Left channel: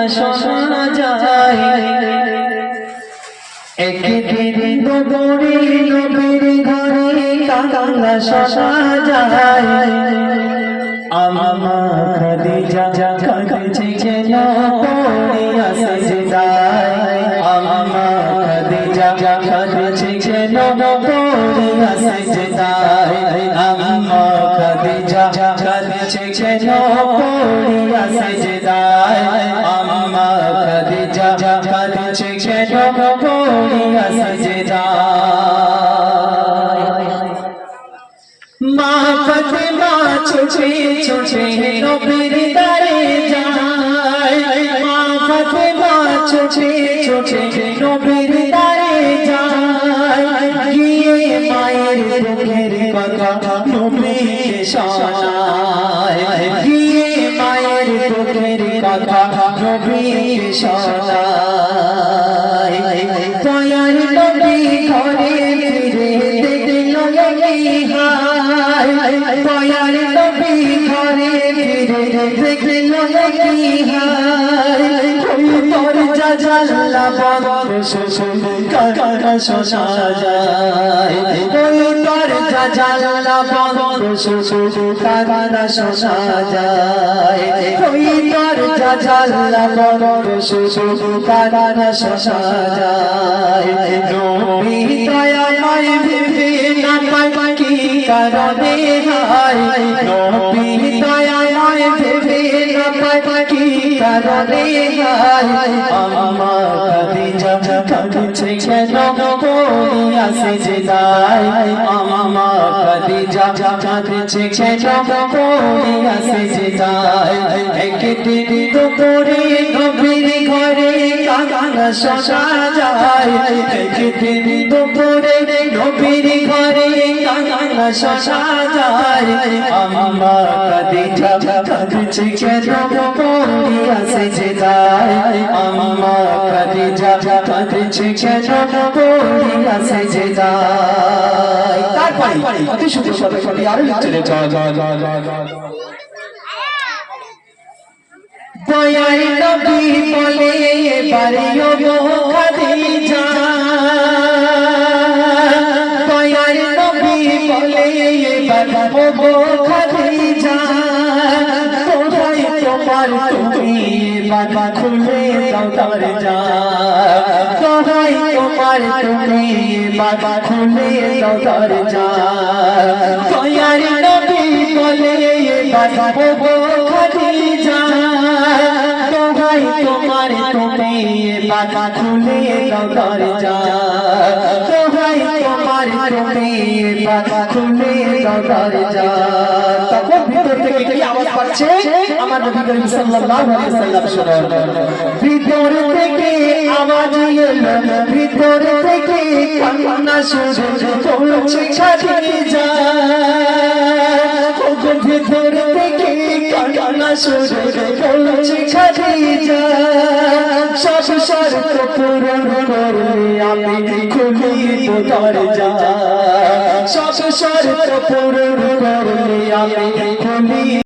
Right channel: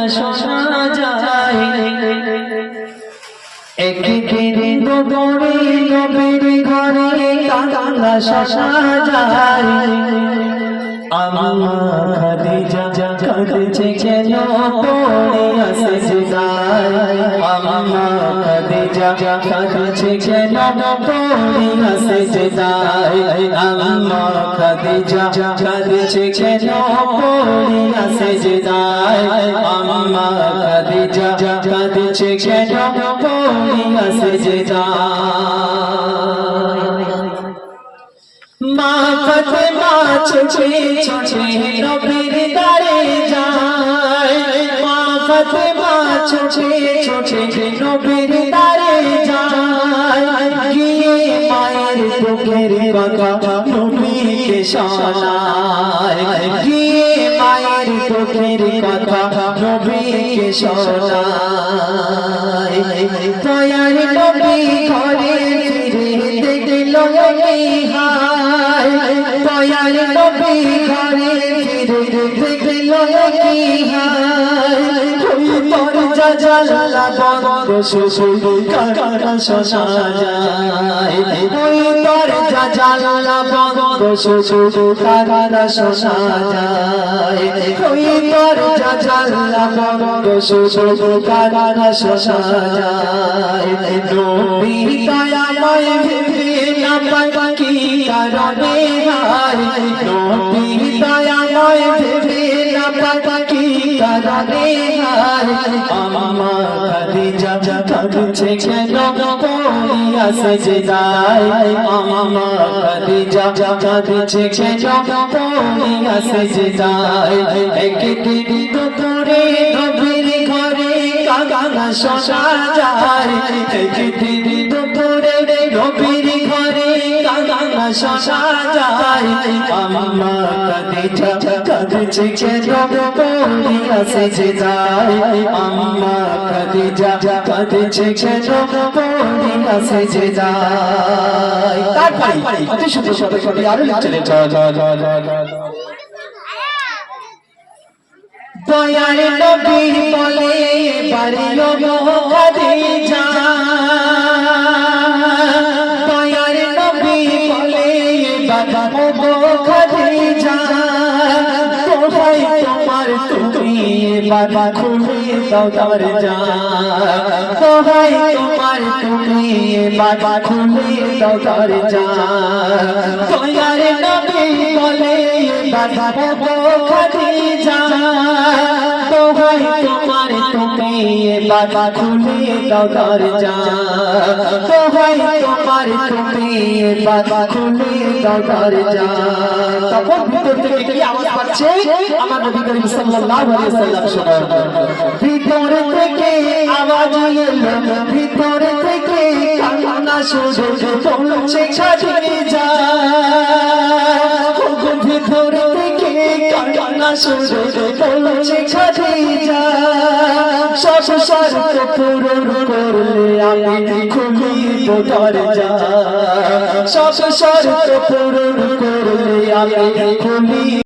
কান্না শোনা যায়। একদিন দুপুরে নবীর ঘরে কান্না শোনা যায়। আম্মা খাদিজা কাঁদছে কেন পড়িয়া সিজদায়। আম্মা খাদিজা কাঁদছে কেন পড়িয়া সিজদায়। আম্মা খাদিজা কাঁদছে কেন পড়িয়া সিজদায়। আম্মা খাদিজা কাঁদছে কেন পড়িয়া সিজদায়। মা ফাতেমা ছুটে ছুটে নবীর দ্বারে যায়। মা ফাতেমা ছুটে ছুটে নবীর দ্বারে যায়। গিয়ে মায়ের দুঃখের কথা নবীকে শোনায়। গিয়ে মায়ের দুঃখের কথা নবীকে শোনায়। দয়ার নবী ঘরে ফিরে দেখল দয়াল নবী ঘরে ফিরে দেখল দরজা জানালা বন্ধ শুধু কান্না শোনা যায়। ওই দরজা জানালা বন্ধ শুধু কান্না শোনা যায়। ওই দরজা জানালা বন্ধ শুধু কান্না শোনা যায়। নবী দয়াময় ভেবে না কি কারণে নবী দয়াময় ভেবে না কি কারণে আম্মা খাদিজা কাঁদছে কেন পড়িয়া সিজদায়। আম্মা খাদিজা কাঁদছে কেন পড়িয়া সিজদায়। একদিন দুপুরে নবীর ঘরে কান্না শোনা যায়। একদিন দুপুরে নবীর ঘরে কান্না শোনা যায়। আম্মা খাদিজা কাঁদছে কেন পড়িয়া সিজদায়। আম্মা খাদিজা কাঁদছে কেন পড়িয়া সিজদায়। তারপরে অতি সুন্দর সাথে আরো চলে দয়ার নবী বলে এবারে খাদিজা। দয়ার নবী বলে এবারে খাদিজা। কোথায় তোমার তুমি এবার খুলে দাও দরজা। কোথায় তোমার তুমি এবার খুলে দাও দরজা। দয়ার নবী বলে এবারে খাদিজা। কোথায় তোমার তুমি এবার খুলে দাও দরজা। কোথায় তোমার তুমি এবার খুলে দাও দরজা। তখন ভিতর থেকে কি আওয়াজ পাচ্ছে? আমার নবী করিম সাল্লাল্লাহু আলাইহি ওয়াসাল্লাম শুনুন। ভিতর থেকে আওয়াজ এলো, ভিতর থেকে কান্না শুনে পৌঁছে খাদিজা। ভিতর থেকে কান্না শুনে পৌঁছে খাদিজা। সব শর্ত পূরণ করলে আমি খুলিব দরজা। সব শর্ত পূরণ করলে আমি খুলি